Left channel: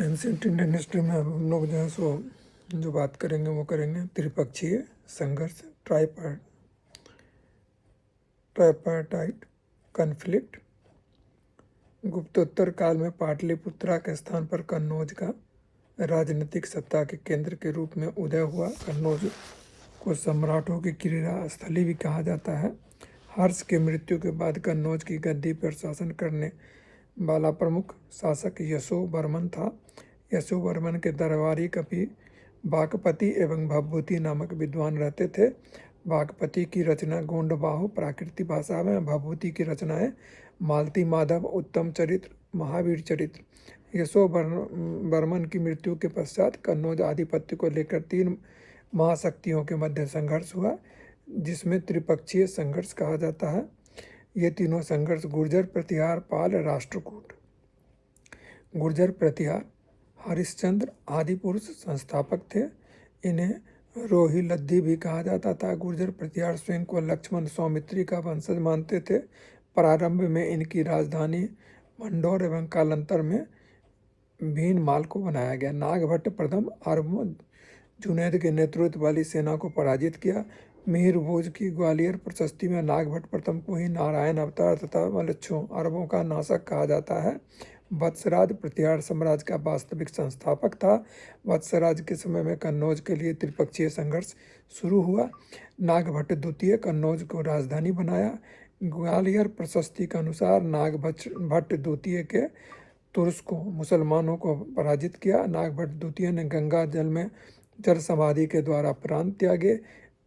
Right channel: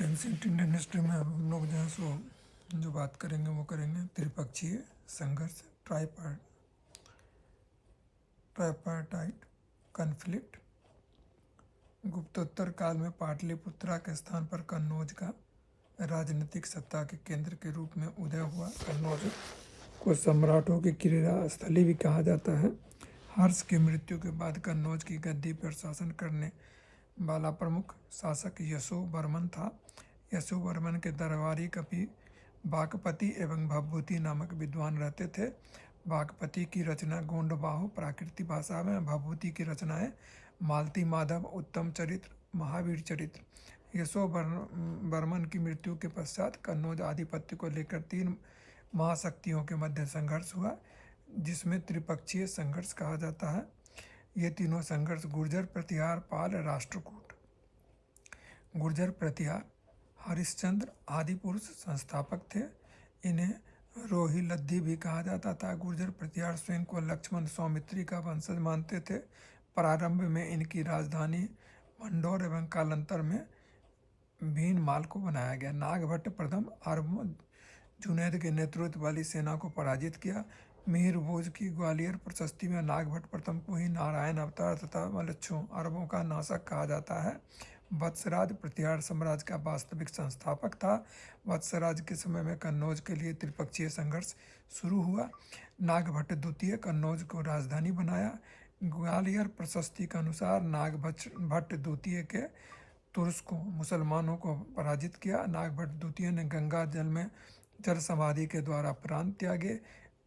Ancient Indian history में हम लोग जो है सो जो बात करेंगे वो करेंगे त्रिपक्षीय संघर्ष, ट्राइपार्टाइट कॉन्फ्लिक्ट। गुप्तोत्तर काल में पाटलिपुत्रा के स्थान पर कन्नौज का राजनीतिक सत्ता के केंद्र के रूप में उदय हुआ। कन्नौज को सम्राटों की क्रीड़ा स्थली भी कहा जाता है। हर्ष की मृत्यु के बाद कन्नौज की गद्दी पर शासन करने वाला प्रमुख शासक यशोवर्मन था। यशोवर्मन के दरबारी कवि वाकपति एवं भवभूति नामक विद्वान रहते थे। वाकपति की रचना गोंडबाहु प्राकृतिक भाषा में, भवभूति की रचनाएं मालती माधव, उत्तम चरित्र, महावीर चरित्र। यशोवर्मन की मृत्यु के पश्चात कन्नौज आधिपत्य को लेकर 3 महाशक्तियों के मध्य संघर्ष हुआ, जिसमें त्रिपक्षीय संघर्ष कहा जाता है। ये तीनों संघर्ष गुर्जर, प्रतिहार, पाल, राष्ट्रकूट। गुर्जर प्रतिहार हरिश्चंद्र आदि पुरुष संस्थापक थे। इन्हें रोहिलद्दी भी कहा जाता था। गुर्जर प्रतिहार स्वयं को लक्ष्मण सौमित्री का वंशज मानते थे। प्रारंभ में इनकी राजधानी मंडौर एवं कालांतर में भीनमाल को बनाया गया। नागभट्ट प्रथम अरबों जुनैद के नेतृत्व वाली सेना को पराजित किया। मिहिर भोज की ग्वालियर प्रशस्ति में नागभट्ट प्रथम को ही नारायण अवतार तथा मलच्छों अरबों का नाशक कहा जाता है। वत्सराज प्रतिहार साम्राज्य का वास्तविक संस्थापक था। वत्सराज के समय में कन्नौज के लिए त्रिपक्षीय संघर्ष शुरू हुआ। नागभट्ट द्वितीय कन्नौज को राजधानी बनाया। ग्वालियर प्रशस्ति के अनुसार नागभट्ट द्वितीय के तुर्स को मुसलमानों को पराजित किया। नागभट्ट द्वितीय ने गंगा जल में जल समाधि के द्वारा प्राण त्यागे।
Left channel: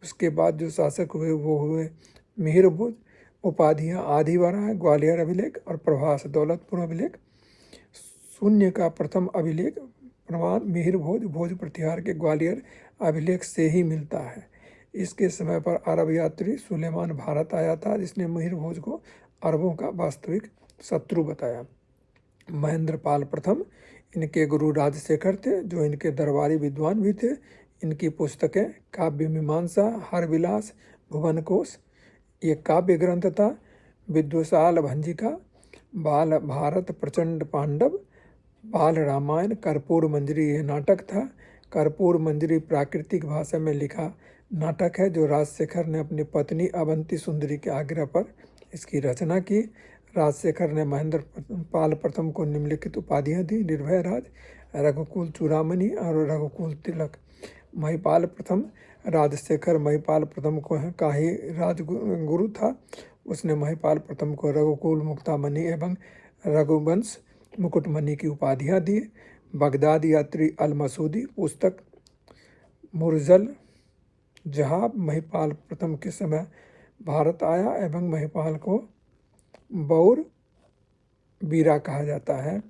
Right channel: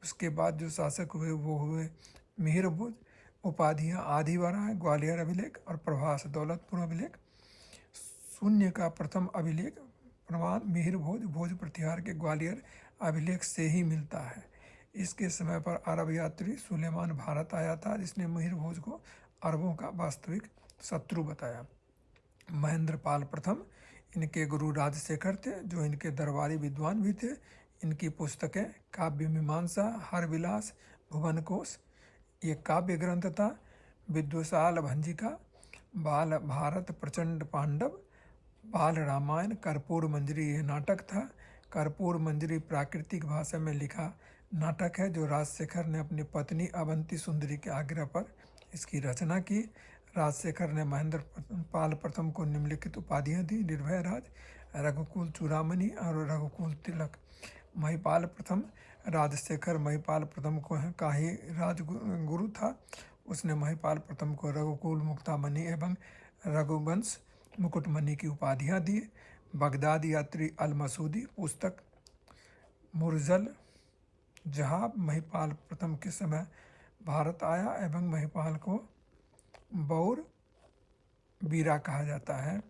उसके बाद जो शासक हुए वो हुए मिहिर भोज। उपाधियाँ आदिवरा, ग्वालियर अभिलेख और प्रभास दौलतपुर अभिलेख। शून्य का प्रथम अभिलेख प्रमाण मिहिर भोज प्रतिहार के ग्वालियर अभिलेख से ही मिलता है। इसके समय पर अरब यात्री सुलेमान भारत आया था, जिसने मिहिर भोज को अरबों का वास्तविक शत्रु बताया। महेंद्र पाल प्रथम इनके गुरु राजशेखर थे, जो इनके दरबारी विद्वान भी थे। इनकी पुस्तकें काव्य मीमांसा, हरविलास, भुवनकोश ये काव्य ग्रंथ था। विद्वशाल भंजिका, बाल भारत, प्रचंड पांडव, बाल रामायण, कर्पूर मंजरी ये नाटक था। कर्पूर मंजरी प्राकृतिक भाषा में लिखा नाटक है, जो राजशेखर ने अपनी पत्नी अवंती सुंदरी के आग्रह पर इसकी रचना की। राजशेखर ने महेंद्र पाल प्रथम को निम्नलिखित उपाधियां दी: निर्भय राज, रघुकुल चूड़ामणि और रघुकुल तिलक। महिपाल प्रथम राजशेखर महिपाल प्रथम को का ही राजगुरु था। उसने महिपाल प्रथम को रघुकुल मुक्तामणि एवं रघुवंश मुकुटमणि की उपाधियां दी। बगदाद यात्री अल मसूदी पुस्तक मुरजल जहाब महिपाल प्रथम के समय भारत आया एवं महिपाल को बौर बीरा कहा जाता है।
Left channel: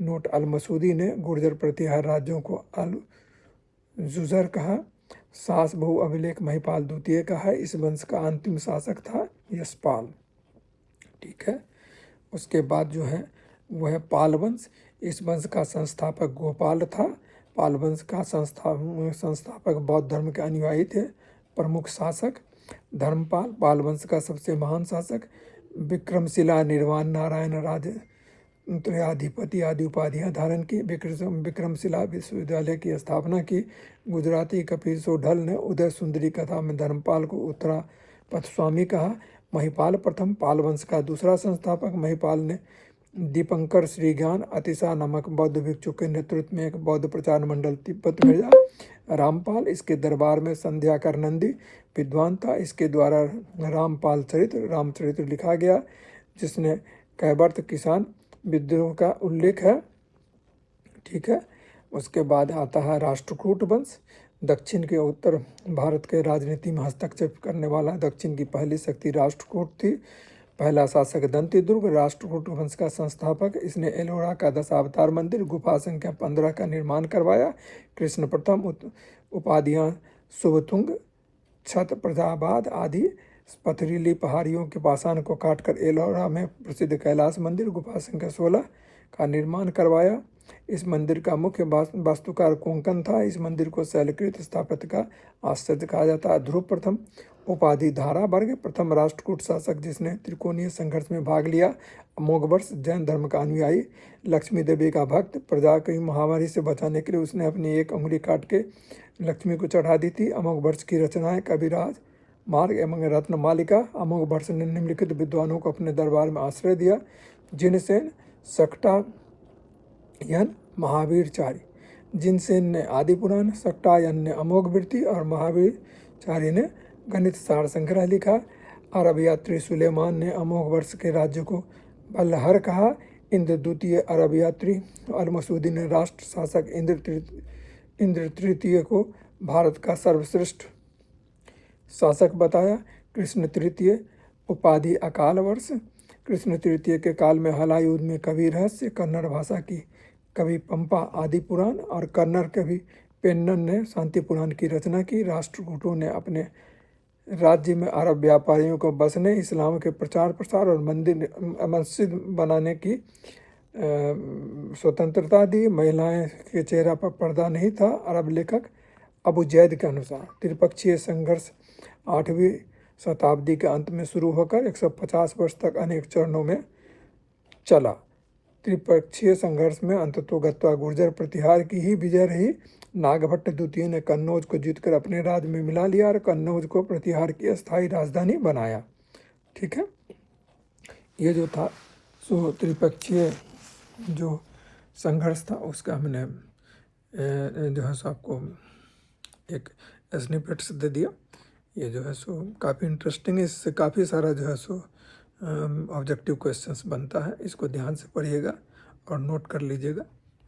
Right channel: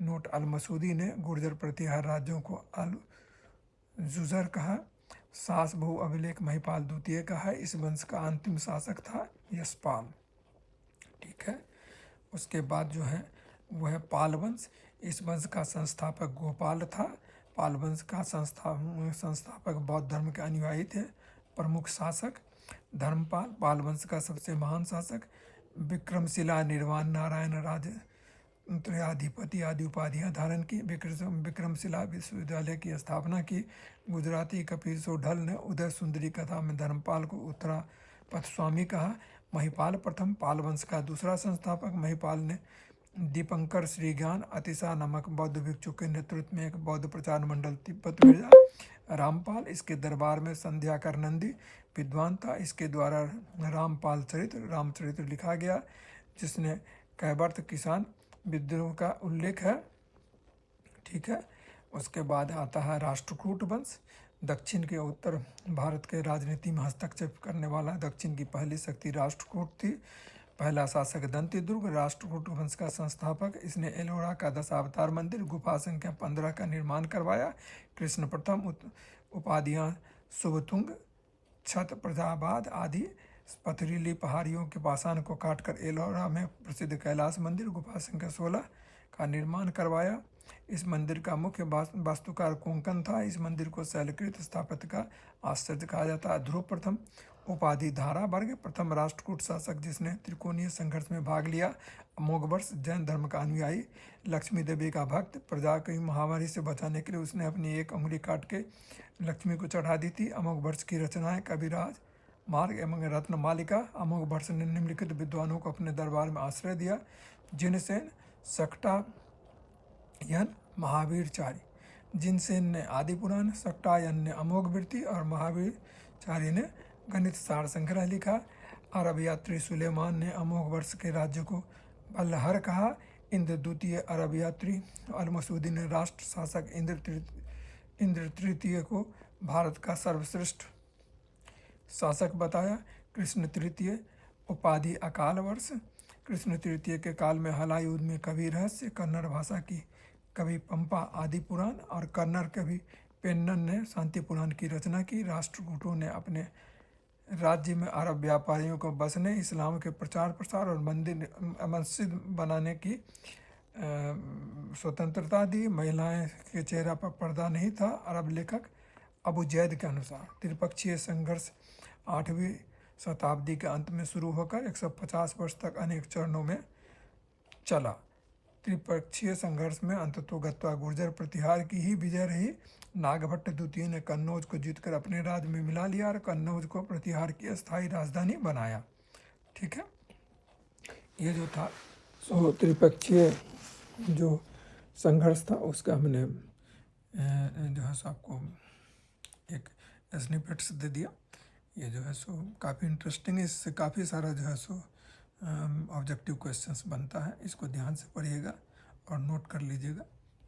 नोट: अल मसूदी ने गुर्जर प्रतिहार राज्यों को अल जुजर कहा। सास बहु अभिलेख महिपाल द्वितीय का है। इस वंश का अंतिम शासक था यशपाल। ठीक है। उसके बाद जो है वो है पाल वंश। इस वंश का संस्थापक गोपाल था। पाल वंश का संस्थापक बौद्ध धर्म के अनुयायी थे। प्रमुख शासक धर्मपाल, पाल वंश का सबसे महान शासक। विक्रमशिला, निर्वाण, नारायण, राजत्रयाधिपति आदि उपाधियां धारण की। विक्रमशिला विश्वविद्यालय की स्थापना की। गुजराती कपिल सोढल ने उदय सुंदरी कथा में धर्मपाल को उत्तरा पथस्वामी कहा। महिपाल प्रथम पाल वंश का दूसरा संस्थापक। महिपाल ने दीपंकर श्रीज्ञान अतिशा नामक बौद्ध भिक्षु के नेतृत्व में एक बौद्ध प्रचार मंडल तिब्बत भेजा। रामपाल इसके दरबार में संध्याकर नंदी विद्वान था। इसके द्वारा रामपाल रामचरित्र लिखा गया, जिसने कैवर्त किसान विद्रोह का उल्लेख है। ठीक है। उसके बाद आता है राष्ट्रकूट वंश। दक्षिण के उत्तर भारत के राजनीति में हस्तक्षेप करने वाला दक्षिण की पहली शक्ति राष्ट्रकूट थी। पहला शासक दंतिदुर्ग राष्ट्रकूट वंश का संस्थापक। इसने एलोरा का दशावतार मंदिर गुफा संख्या 15 का निर्माण करवाया। कृष्ण प्रथम उपाधियां शुभतुंग, छत प्रजाबाद आदि पथरीली पहाड़ियों के पाषाण को काटकर एलोरा में प्रसिद्ध कैलाश मंदिर गुफा संख्या 16 का निर्माण करवाया। इस मंदिर का मुख्य वास्तुकार कोंकण था। इस मंदिर को शैलकृत स्थापत्य का आश्चर्य कहा जाता है। ध्रुव प्रथम उपाधि धारा वर्ग प्रथम राष्ट्रकूट शासक जिसने त्रिकोणीय संघर्ष में भाग लिया। अमोघ वर्ष जैन धर्म का अनुयायी। लक्ष्मी देवी का भक्त। प्रजा की महामारी से बचाने के लिए उसने अपनी एक उंगली काट के लक्ष्मी को चढ़ा दी थी। अमोघ वर्ष की रचनाएं कविराज मार्ग एवं रत्न मालिका। अमोघ वर्ष ने निम्नलिखित विद्वानों को अपने दरबार में आश्रय दिया। जिनसेन सक्टायन महावीरचारी। जिनसेन ने आदि पुराण, सक्टायन ने अमोघ वृत्ति और महावीरचारी ने गणित सार संग्रह लिखा। अरब यात्री सुलेमान ने अमोघ वर्ष के राज्य को बल्लहर कहा। इंद्र द्वितीय अरब यात्री अल-मसूदी ने राष्ट्र शासक इंद्र तृतीय को भारत का सर्वश्रेष्ठ शासक बताया। कृष्ण तृतीय उपाधि अकाल वर्ष। कृष्ण तृतीय के काल में हलायुद्ध में कवि रहस्य, कन्नड़ भाषा की कवि पंपा आदि पुराण और कन्नड़ कवि पेन्नन ने शांति पुराण की रचना की। राष्ट्रकूटों ने अपने राज्य में अरब व्यापारियों को बसने, इस्लाम के प्रचार प्रसार और मस्जिद बनाने की स्वतंत्रता दी। महिलाएं के चेहरा पर पर्दा नहीं था। अरब लेखक अबू जैद के अनुसार त्रिपक्षीय संघर्ष 8वीं शताब्दी के अंत में शुरू होकर 150 वर्ष तक अनेक चरणों में चला। त्रिपक्षीय संघर्ष में अंततोगत्वा गुर्जर प्रतिहार की ही विजय रही। नागभट्ट द्वितीय ने कन्नौज को जीतकर अपने राज्य में मिला लिया और कन्नौज को प्रतिहार की अस्थायी राजधानी बनाया। ठीक है, ये जो था सो त्रिपक्षीय जो संघर्ष था उसका हमने जो है सो आपको एक स्निपेट्स दे दिया। ये जो है सो काफ़ी इंटरेस्टिंग है। इससे काफ़ी सारा जो है सो ऑब्जेक्टिव क्वेश्चंस बनता है। इसको ध्यान से पढ़िएगा और नोट कर लीजिएगा।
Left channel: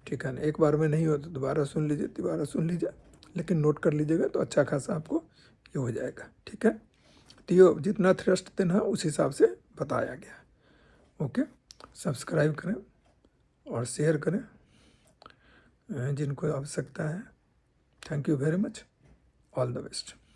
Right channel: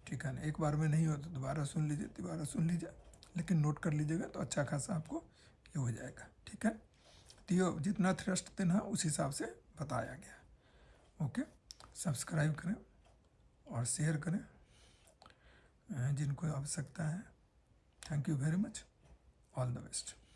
ठीक है ना, एक बार में नहीं हो तो दोबारा सुन लीजिए, दोबारा सुन लीजिए, लेकिन नोट कर लीजिएगा तो अच्छा खासा आपको ये हो जाएगा। ठीक है, तो ये जितना थ्रस्ट देना है उस हिसाब से बताया गया। ओके, सब्सक्राइब करें और शेयर करें जिनको आवश्यकता है। Thank you very much, all the best.